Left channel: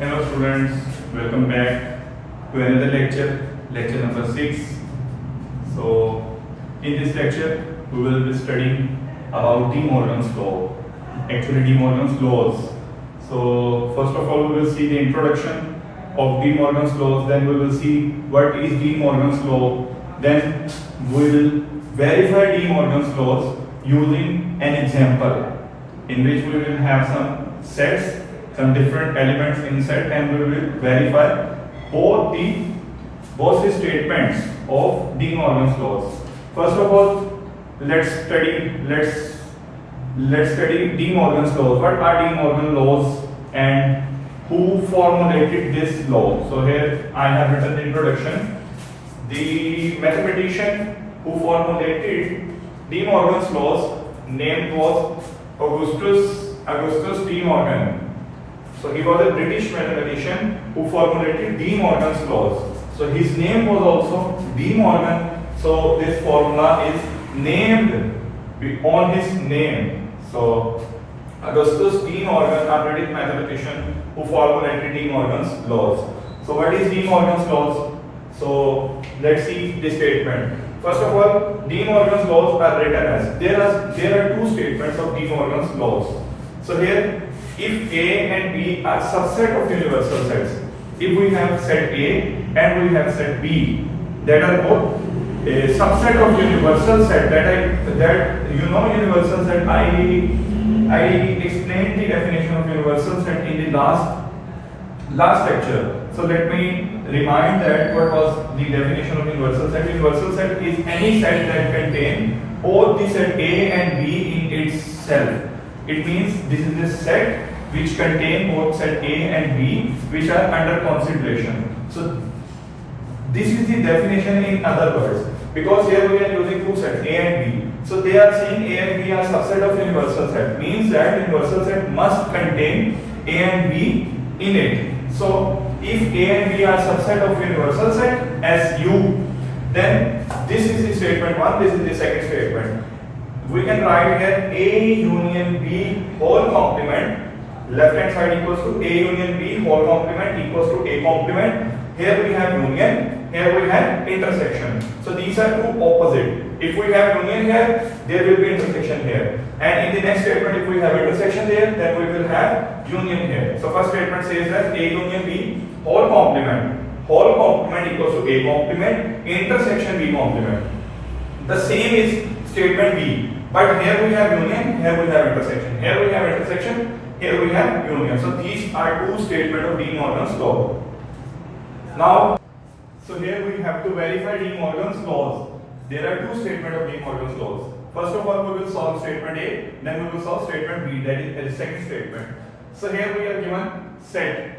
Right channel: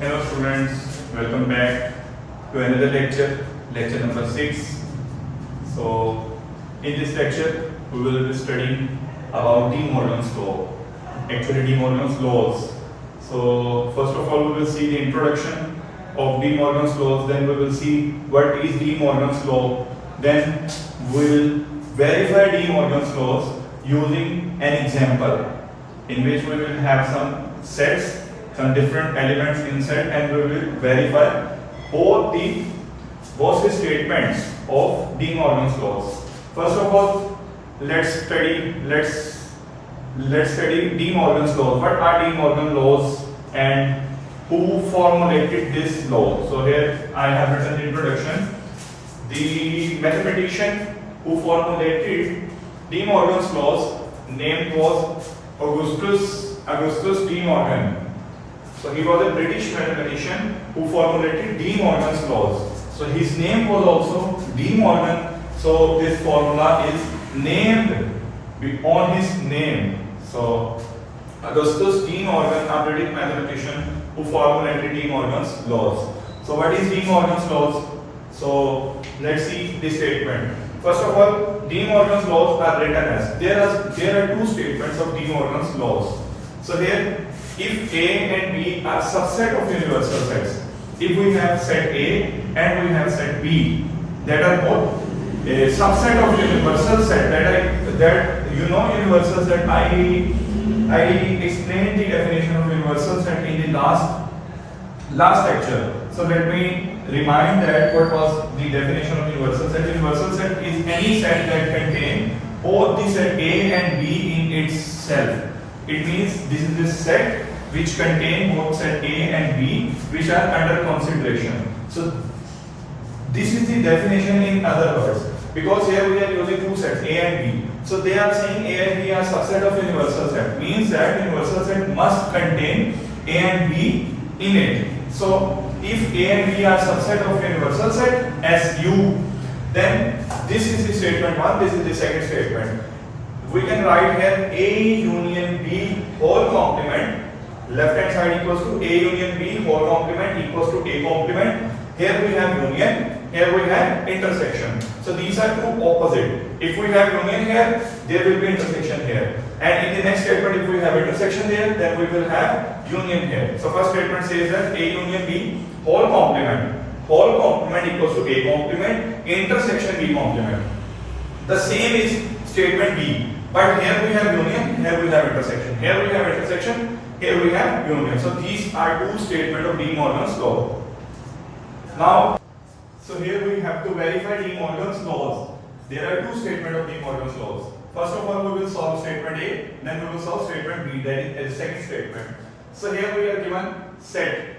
Hello students, welcome back to another lecture, lecture number 6. So in this lecture we will be studying about De Morgan's law, actually De Morgan's laws. So first of all we will see the introduction of De Morgan's laws, then we will see what is De Morgan's law, then we will verify De Morgan's laws using an example in which we will have some sets, some different elements inside, and we will verify both the statements of De Morgan's laws. First of all, let's study De Morgan's laws. What are De Morgan laws and who formulated this law? So here I have written the introduction. The mathematician who formulated De Morgan's laws name was Augustus De Morgan. So he was a British mathematician who formulated De Morgan's laws. So his name was also De Morgan. So this formula is named on his name. So Augustus De Morgan, a British mathematician who formulated De Morgan's laws. So what is De Morgan's laws? So let's see the statement. First of all, De Morgan's laws are written as there are two statements of De Morgan's laws. So here, if A and B are subset of universal sets, if we have set A and we have set B that are both a subset of universal set, that universal set, I explained the definition of universal set in the last lecture. So let me remind that what was the definition of universal set. Universal set is any set that contains both the set A and B in itself. It means this is a set which contain both set A and B which are under consideration. So this is the definition in other words, because here we are using two sets A and B. So they are saying A and B are subset of universal set, means that universal set must contain A and B in it. So if A and B are subset of universal set as U, then this is the statement 1, this is the second statement. We can write here A union B whole complement. Left hand side equals to A union B whole complement equals to A complement. Here we have union, here we have intersection. So these are two opposite. If we have union here, there will be intersection here. And in the next statement, if we have intersection there, then we will have union here. So first statement says that A union B whole complement. Whole complement equals to A complement, intersection B complement. The same is statement B. But here we have union, here we have intersection. Here we have intersection, here we have union. So these are two statements of De Morgan's law. Now, so here we have to verify De Morgan's laws. There are two statements of De Morgan's laws. First of all, we will solve statement A, then we will solve statement B, that is the second statement. So here we are given set.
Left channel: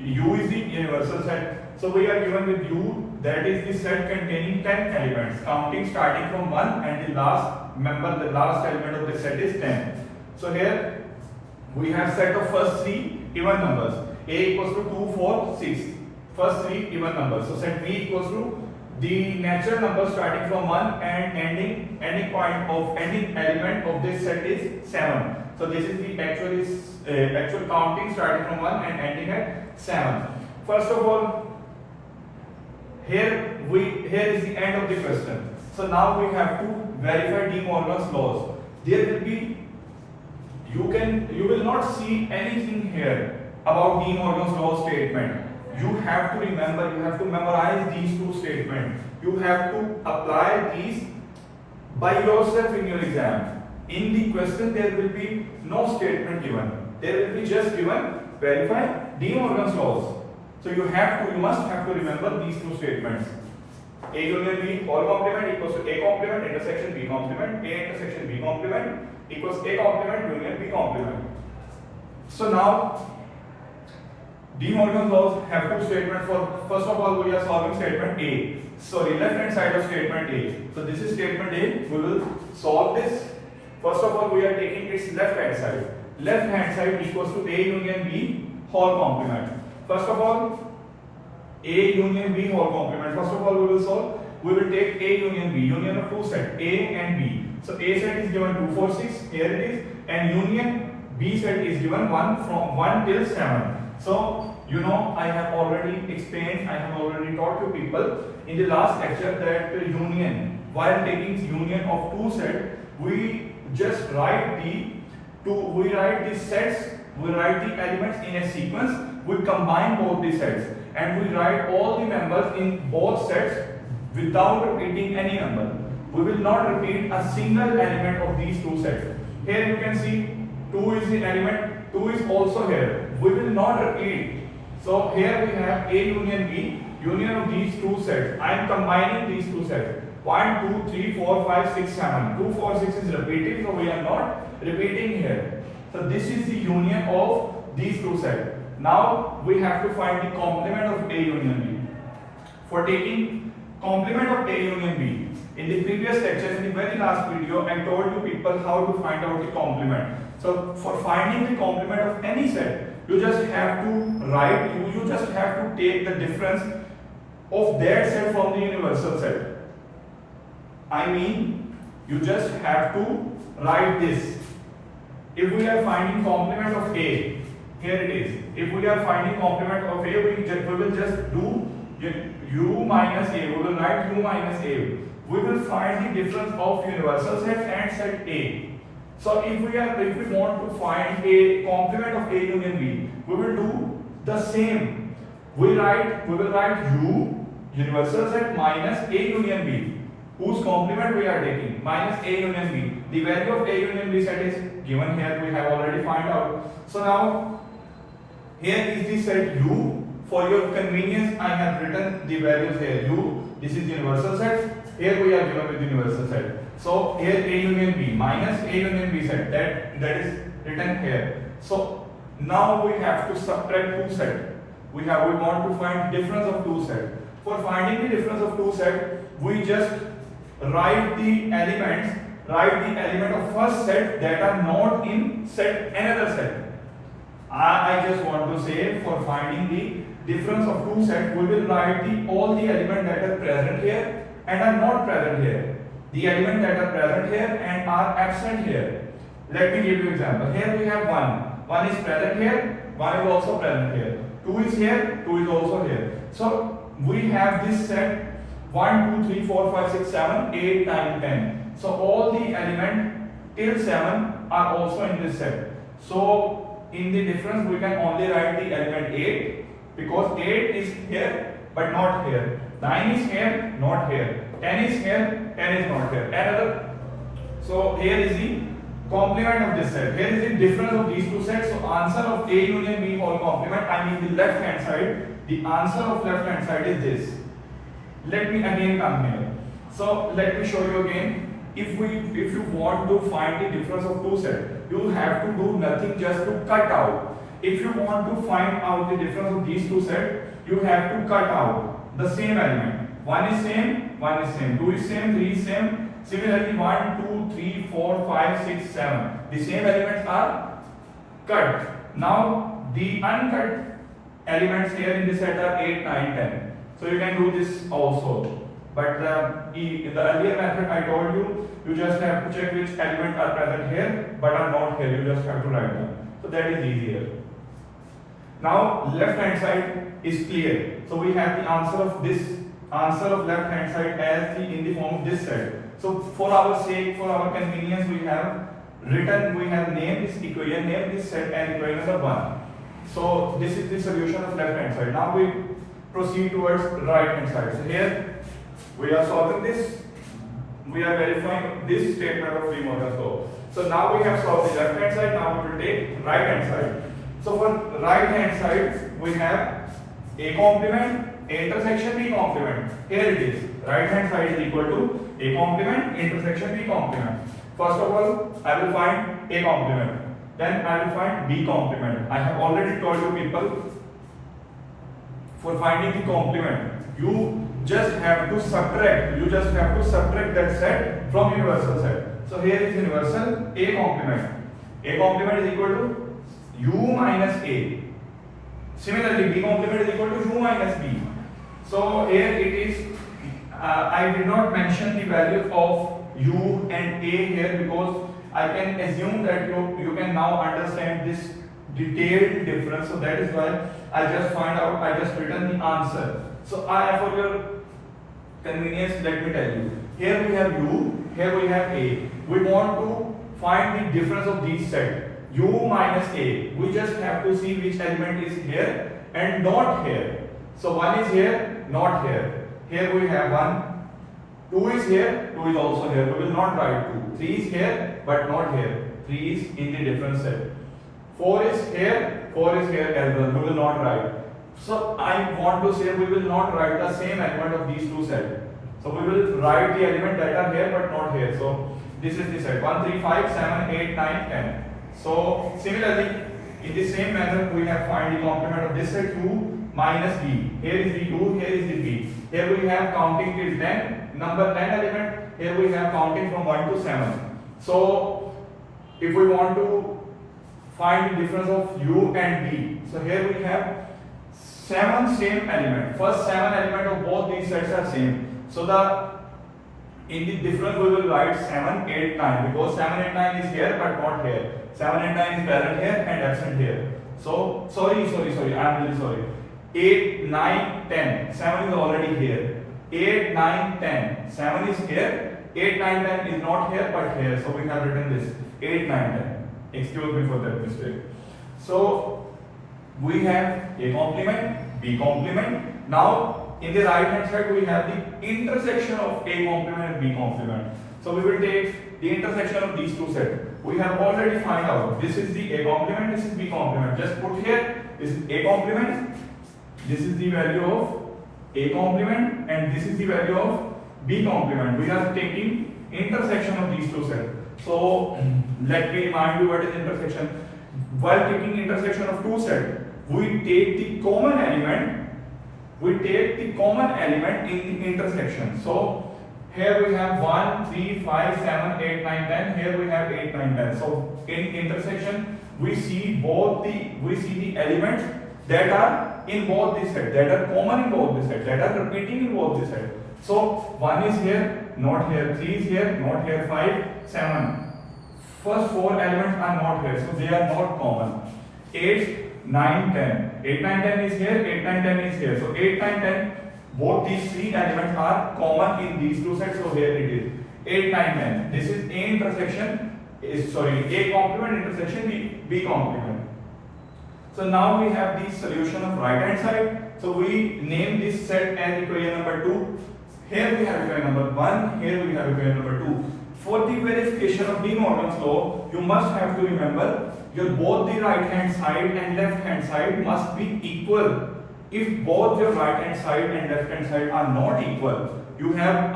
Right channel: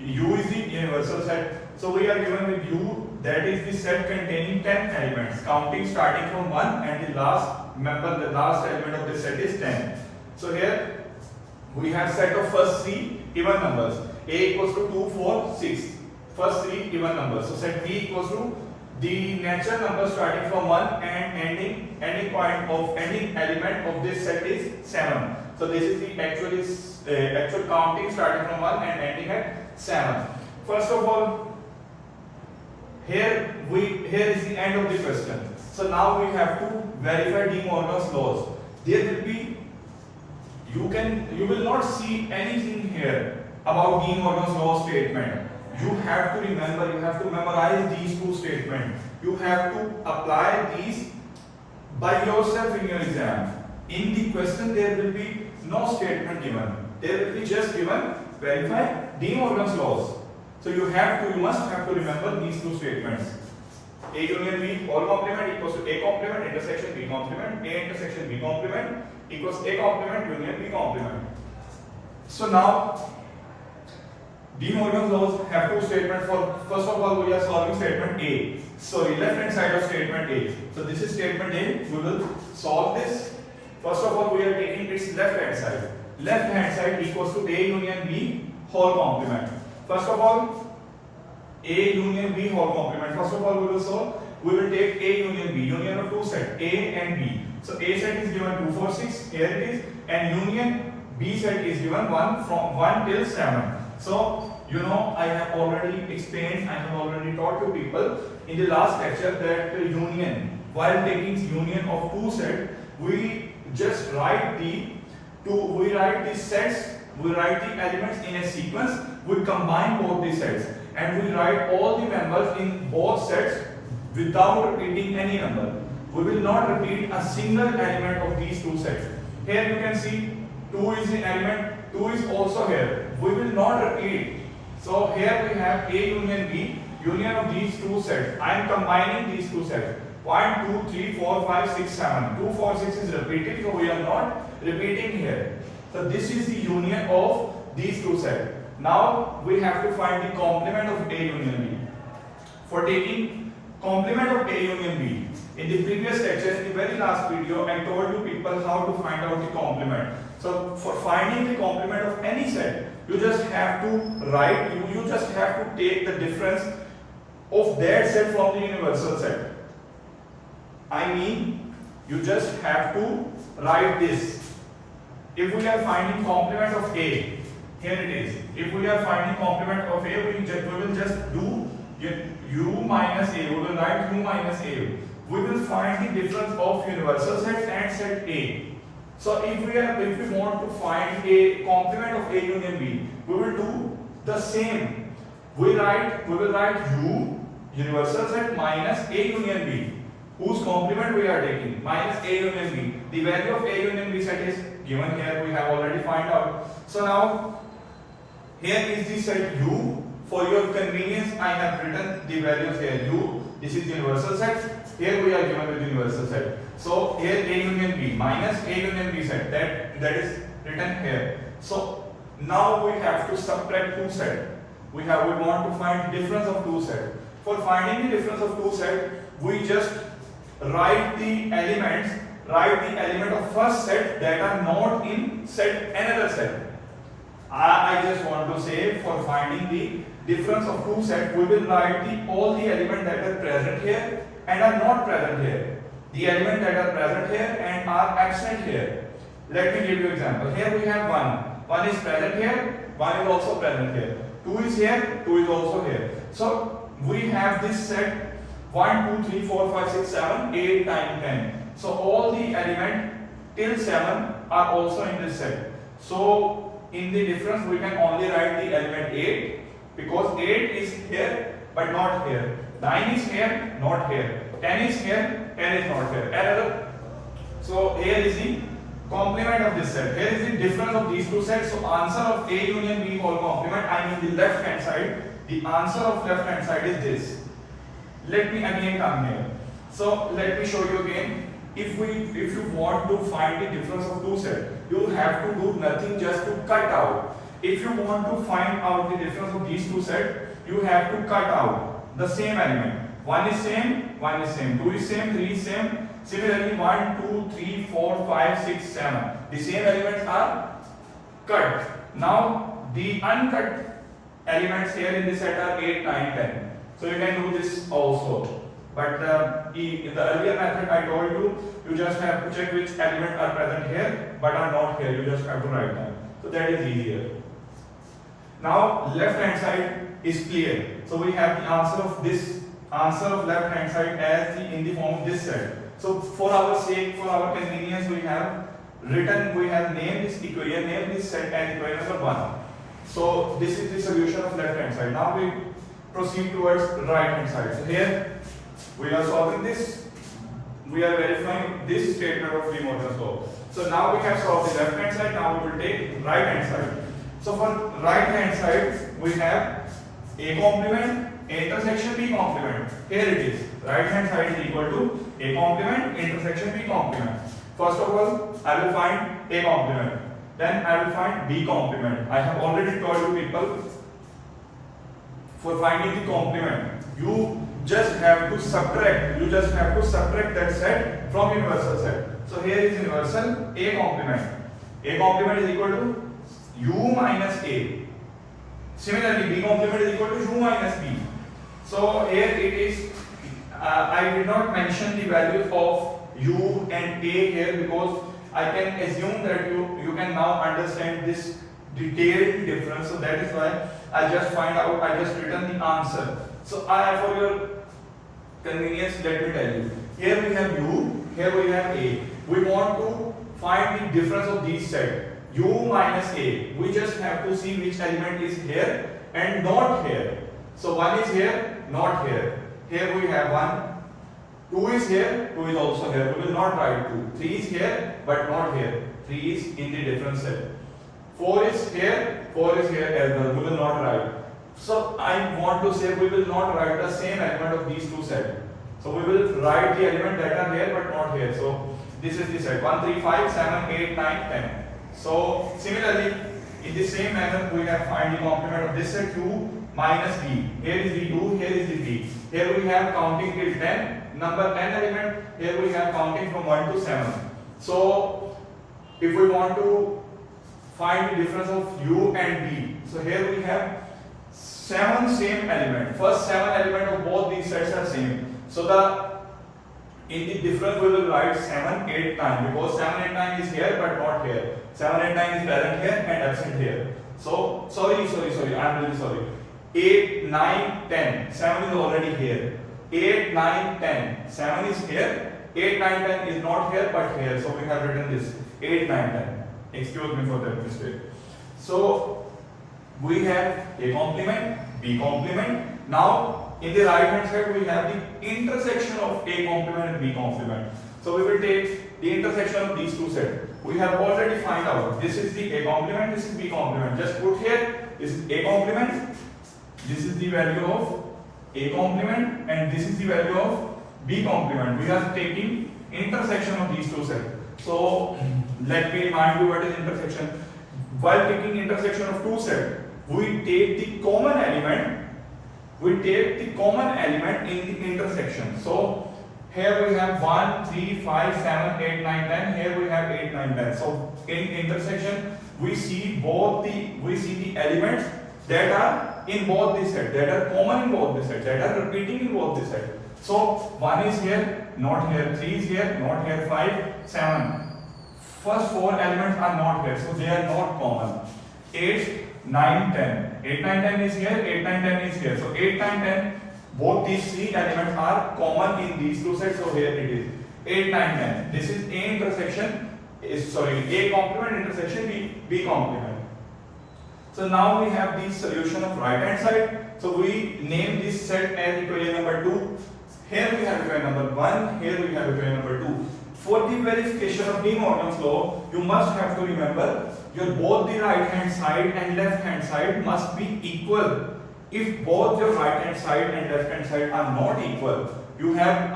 U is the universal set. So we are given with U, that is the set containing 10 elements, counting starting from 1 and the last element of the set is 10. So here we have set of first three even numbers. A equals to 2, 4, 6. First three even numbers. So set B equals to the natural number starting from 1 and ending element of this set is 7. So this is the actual counting starting from 1 and ending at 7. First of all, here is the end of the question. So now we have to verify De Morgan's laws. There will be you will not see anything here about De Morgan's law statement. You have to remember, you have to memorize these two statements. You have to apply these by yourself in your exam. In the question there will be no statement given. There will be just given verify De Morgan's laws. So you must have to remember these two statements. A union B whole complement equals to A complement intersection B complement. A intersection B complement equals A complement union B complement. So now De Morgan's laws have two statements. First of all, we are solving statement A. Sorry, left hand side of statement A. So this is statement A. We will solve this. First of all, we are taking its left hand side. Left hand side equals to A union B whole complement. First of all, A union B whole complement. First of all, we will solve. We will take A union B, union of two sets A and B. So A set is given 2, 4, 6. Here it is, and union B set is given 1 from 1 till 7. So you know, I have already explained, I have already taught you people in the last lecture that union, while taking union of two sets, we just write the sets, we write the elements in a sequence, we combine both the sets, and we write all the members in both sets without repeating any number. We will not repeat a single element of these two sets. Here you can see 2 is the element, 2 is also here. We will not repeat. So here we have A union B, union of these two sets. I am combining these two sets. 1, 2, 3, 4, 5, 6, 7. 2, 4, 6 is repeated, so we are not repeating here. So this is the union of these two sets. Now we have to find the complement of A union B. For taking complement of A union B, in the previous lecture, in the very last video, I told you people how to find out the complement. So for finding the complement of any set, you just have to write, you just have to take the difference of that set from the universal set. I mean, you just have to write this. If we are finding complement of A, here it is. If we are finding complement of A, we will just do U minus A. We will write U minus A. We will find the difference of universal set and set A. So if we want to find a complement of A union B, we will do the same. We will write U universal set minus A union B. Whose complement we are taking? Minus A union B. The value of A union B set is given here. We have already found out. So now here is the set U. For your convenience, I have written the values here. U. This is universal set. Here we are given with universal set. So here A union B minus A union B set, that is written here. So now we have to subtract two sets. We want to find difference of two sets. For finding the difference of two sets, we just write the element of first set that are not in another set. I just want to say, for finding the difference of two sets, we will write all the elements that are present here and are not present here. The elements that are present here and are absent here. Let me give you an example. Here we have 1. 1 is present here, 1 is also present here. 2 is here, 2 is also here. So we have this set 1, 2, 3, 4, 5, 6, 7, 8, 9, 10. So all the elements till 7 are also in this set. So in the difference we can only write the element 8, because 8 is here but not here. 9 is here, not here. 10 is here, 10 is not here. So here is the complement of this set. Here is the difference of these two sets. So answer of A union B whole complement, I mean the left hand side. The answer of left hand side is this. Let me again come here. So let me show you again. If you want to find the difference of two sets, you have to do nothing, just to cut out. If you want to find out the difference of these two sets, you have to cut out the same element. 1 is same, 1 is same, 2 is same, 3 is same. Similarly, 1, 2, 3, 4, 5, 6, 7. The same elements are cut. Now the uncut elements here in this set are 8, 9, 10. So you can do this also. But in the earlier method I told you, you just have to check which elements are present here but are not here. You just have to write them. So that is easier. Now left hand side is clear. So we have the answer of left hand side as in the form of this set. So for our sake, for our convenience, we have named this equation, named this set as equation number 1. So this is the solution of left hand side. Now we proceed towards right hand side. So here we are solving this. We are verifying this statement of Morgen's law. So now we have solved the left hand side. Now we will take right hand side. So for right hand side, we have A complement, A intersection, B complement. Here it is. Right hand side is equal to A complement, intersection, B complement. First of all, I will find A complement. Then I will find B complement. I have already told you people, for finding the complement, you just have to subtract. You just have to subtract that set from universal set. So here is universal A complement. A complement is equal to U minus A. Similarly, B complement is equal to U minus B. So here it is. I did not mention the value of U and A here because I can assume that you can now understand this detailed difference. So that is why I just written the answer. So for your convenience, let me tell you. Here we have U, here we have A. We want to find the difference of these sets. U minus A. We just have to see which element is here and not here. So 1 is here, not here. Here we have 1. 2 is here, 2 is also here. We will not write 2. 3 is here, but not here. 3 is in the different set. 4 is here, 4 is here as well. We will not write. So I want to say we will not write the same element of these two sets. So we will write the element that are here but not here. So this is the set 1, 3, 5, 7, 8, 9, 10. So similarly, in the same manner, we have find the complement of this set 2 minus b. Here is the 2, here is the b. Here we have counting till 10, number 10 element. Here we have counting from 1 to 7. So if we want to find the difference of u and b, so here we have 7 same element. First 7 element of both these sets are same. So in the difference we will write 7, 8, 9 because 7, 8, 9 is here but not here. 7, 8, 9 is present here and absent here. So sorry, I am really sorry. 8, 9, 10. 7 is already here. 8, 9, 10. 7 is here. 8, 9, 10 is not here but here. So we have written this 8, 9, 10. Excuse me for that mistake. So we have A complement, B complement. Now in the right hand side we have the intersection of A complement and B complement. So we will take the intersection of these two sets. We have already found out this is the A complement, this is B complement. Just put here this is A complement, this is the value of A complement and this is the value of B complement. We are taking intersection of these two sets. So let me remind you what is intersection. While taking intersection of two sets, we take the common element. We take the common element in the intersection. So here we have 1, 3, 5, 7, 8, 9, 10. Here we have 8, 9, 10. So in intersection, we see the elements that are in both the sets, that are common in both the sets, that are repeating in both the sets. So 1 is here, not here. 3 is here, not here. 5, 7. First 4 elements are not here, so they are not common. 8, 9, 10. 8, 9, 10 is here, 8, 9, 10 is here. So 8, 9, 10, both these three elements are common in these two sets. So here it is 8, 9, 10. This is A intersection, A complement intersection B complement. So now we have the solution of right hand side. So we name this set as equation number 2. Here we have equation number 1, here we have equation number 2. For the verification of De Morgan's law, you must have to remember your both the right hand side and left hand side must be equal. If both your right hand side and left hand side are not equal, you have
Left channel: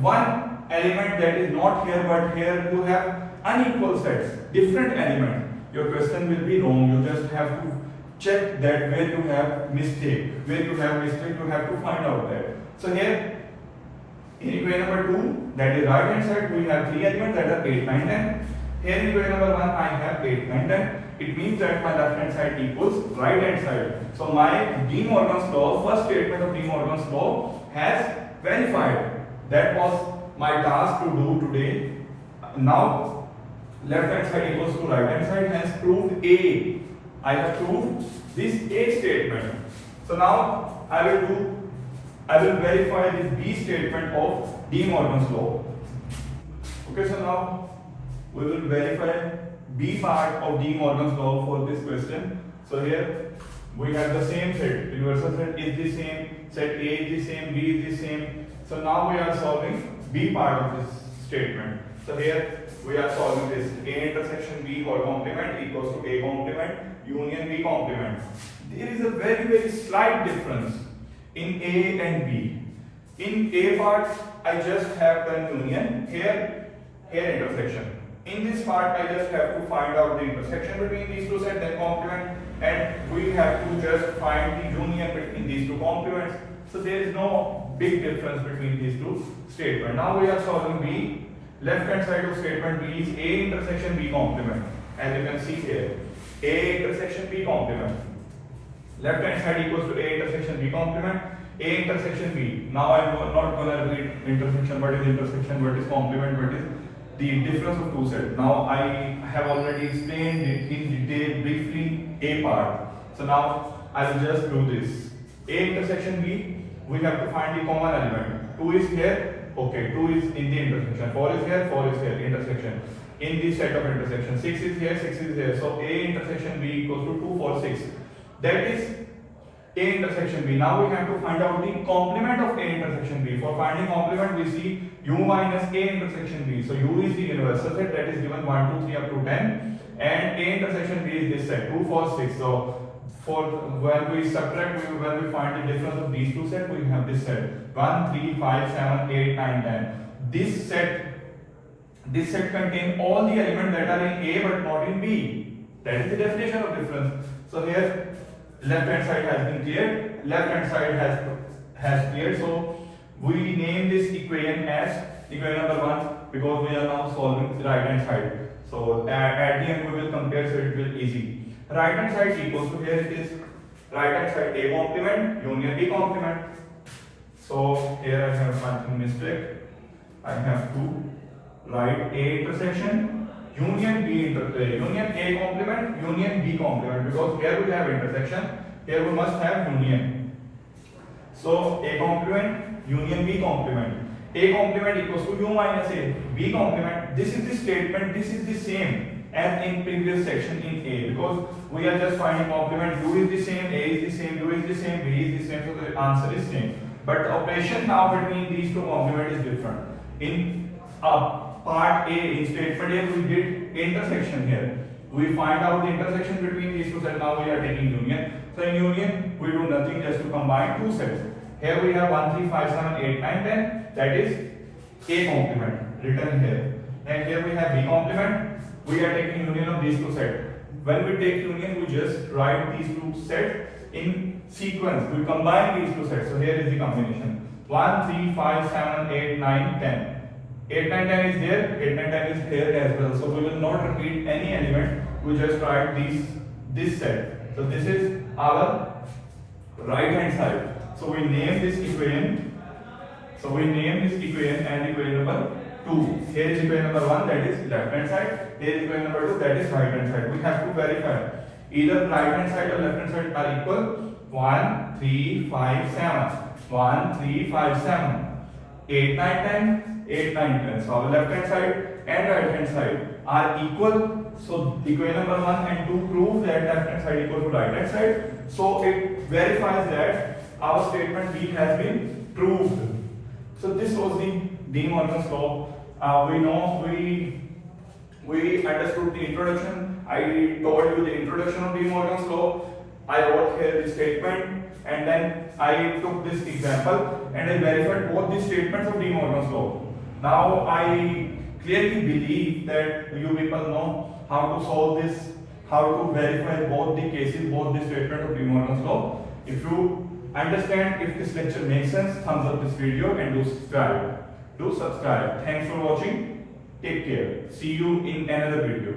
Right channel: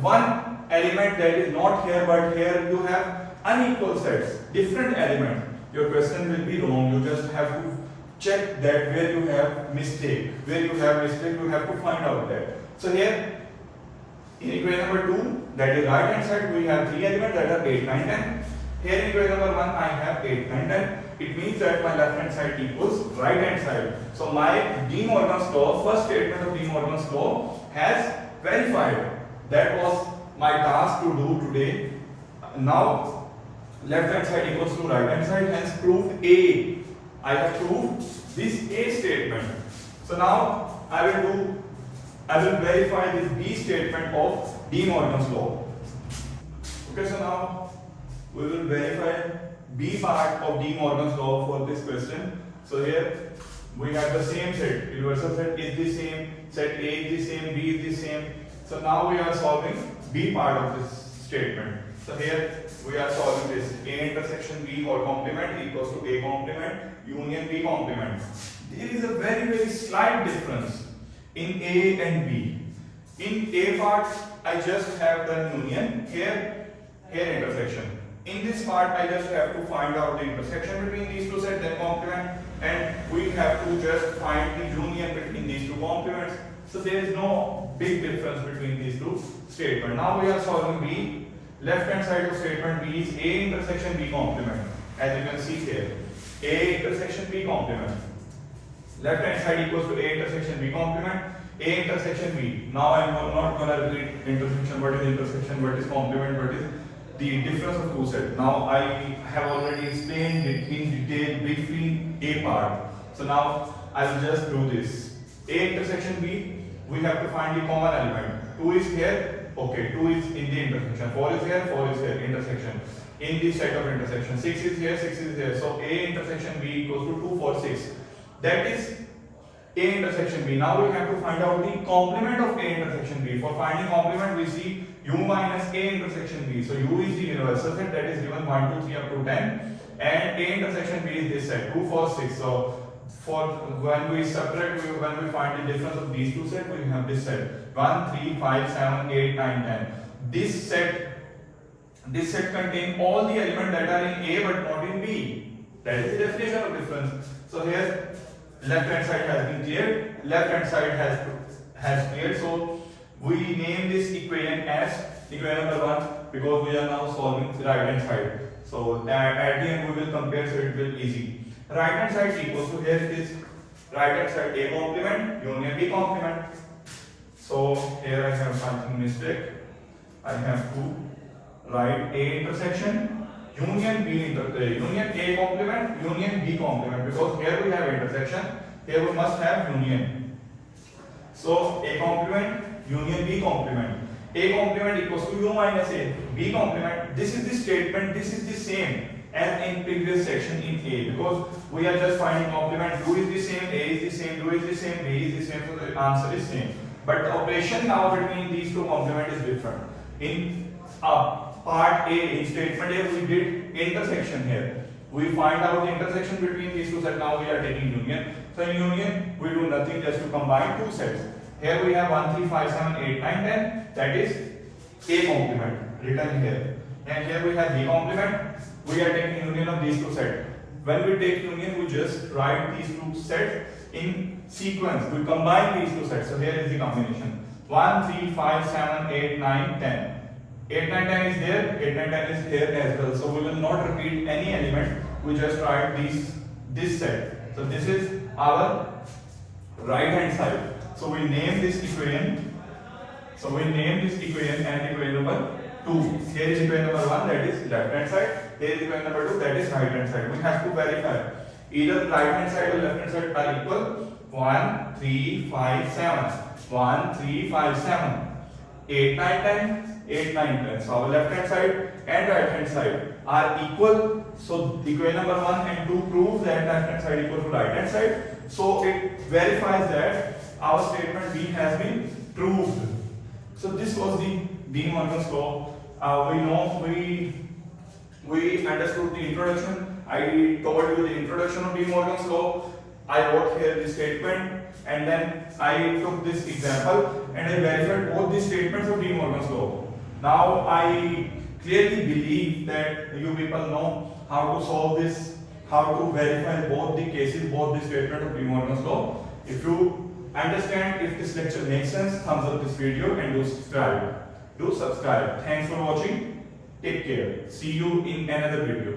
one element that is not here but here you have unequal sets, different element. Your question will be wrong. You just have to check that where you have mistake. Where you have mistake, you have to find out that. So here in equation number 2, that is right hand side, we have 3 elements that are 8, 9, 10. Here in equation number 1, I have 8, 9, 10. It means that my left hand side equals right hand side. So my De Morgan's law, first statement of De Morgan's law has verified. That was my task to do today. Now left hand side equals to right hand side, hence proved A. I have proved this A statement. So now I will verify this B statement of De Morgan's law. Okay, so now we will verify B part of De Morgan's law for this question. So here we have the same set. Universal set is the same, set A is the same, B is the same. So now we are solving B part of this statement. So here we are solving this. A intersection B or complement equals to A complement union B complement. There is a very slight difference in A and B. In A part, I just have done union. Here intersection. In this part, I just have to find out the intersection between these two sets, then complement, and we have to just find the union between these two complements. So there is no big difference between these two statements. Now we are solving B. Left hand side of statement B is A intersection B complement. As you can see here, A intersection B complement. Left hand side equals to A intersection B complement. A intersection B. Now I am not going to repeat intersection, what is intersection, what is complement, what is the difference of two sets. Now I have already explained it in detail briefly A part. So now I will just do this. A intersection B, we have to find the common element. 2 is here, okay, 2 is in the intersection. 4 is here, 4 is here, intersection. In the set of intersection, 6 is here, 6 is here. So A intersection B equals to 2, 4, 6. That is A intersection B. Now we have to find out the complement of A intersection B. For finding complement, we see U minus A intersection B. So U is the universal set that is given 1, 2, 3 up to 10, and A intersection B is this set 2, 4, 6. So for when we subtract, when we find the difference of these two sets, we have this set 1, 3, 5, 7, 8, 9, 10. This set contains all the elements that are in A but not in B. That is the definition of difference. So here left hand side has been cleared, left hand side has cleared. So we name this equation as equation number 1 because we are now solving the right hand side. So at the end we will compare, so it will be easy. Right hand side equals to, here it is, right hand side A complement union B complement. So here I have something mistake. I have to write A intersection union union A complement union B complement, because here we have intersection, here we must have union. So A complement union B complement. A complement equals to U minus A. B complement, this is the statement, this is the same as in previous section in A, because we are just finding complement. U is the same, A is the same, U is the same, B is the same, so the answer is same. But the operation now between these two complement is different. In part A, in statement A, we did intersection here. We find out the intersection between these two sets. Now we are taking union. So in union, we do nothing, just to combine two sets. Here we have 1, 3, 5, 7, 8, 9, 10. That is A complement written here. And here we have B complement. We are taking union of these two sets. When we take union, we just write these two sets in sequence. We combine these two sets. So here is the combination. 1, 3, 5, 7, 8, 9, 10. 8, 9, 10 is there. 8, 9, 10 is here as well. So we will not repeat any element. We just write this set. So this is our right hand side. So we name this equation. So we name this equation and equation number 2. Here is equation number 1, that is left hand side. Here is equation number 2, that is right hand side. We have to verify either right hand side or left hand side are equal. 1, 3, 5, 7. 1, 3, 5, 7. 8, 9, 10. 8, 9, 10. So our left hand side and right hand side are equal. So equation number 1 and 2 prove that left hand side equal to right hand side. So it verifies that our statement B has been proved. So this was the De Morgan's law. We understood the introduction. I told you the introduction of De Morgan's law. I wrote here the statement, and then I took this example and I verified both the statements of De Morgan's law. Now I clearly believe that you people know how to solve this, how to verify both the cases, both the statement of De Morgan's law. If you understand, if this lecture makes sense, thumbs up this video and do subscribe. Thanks for watching. Take care. See you in another video.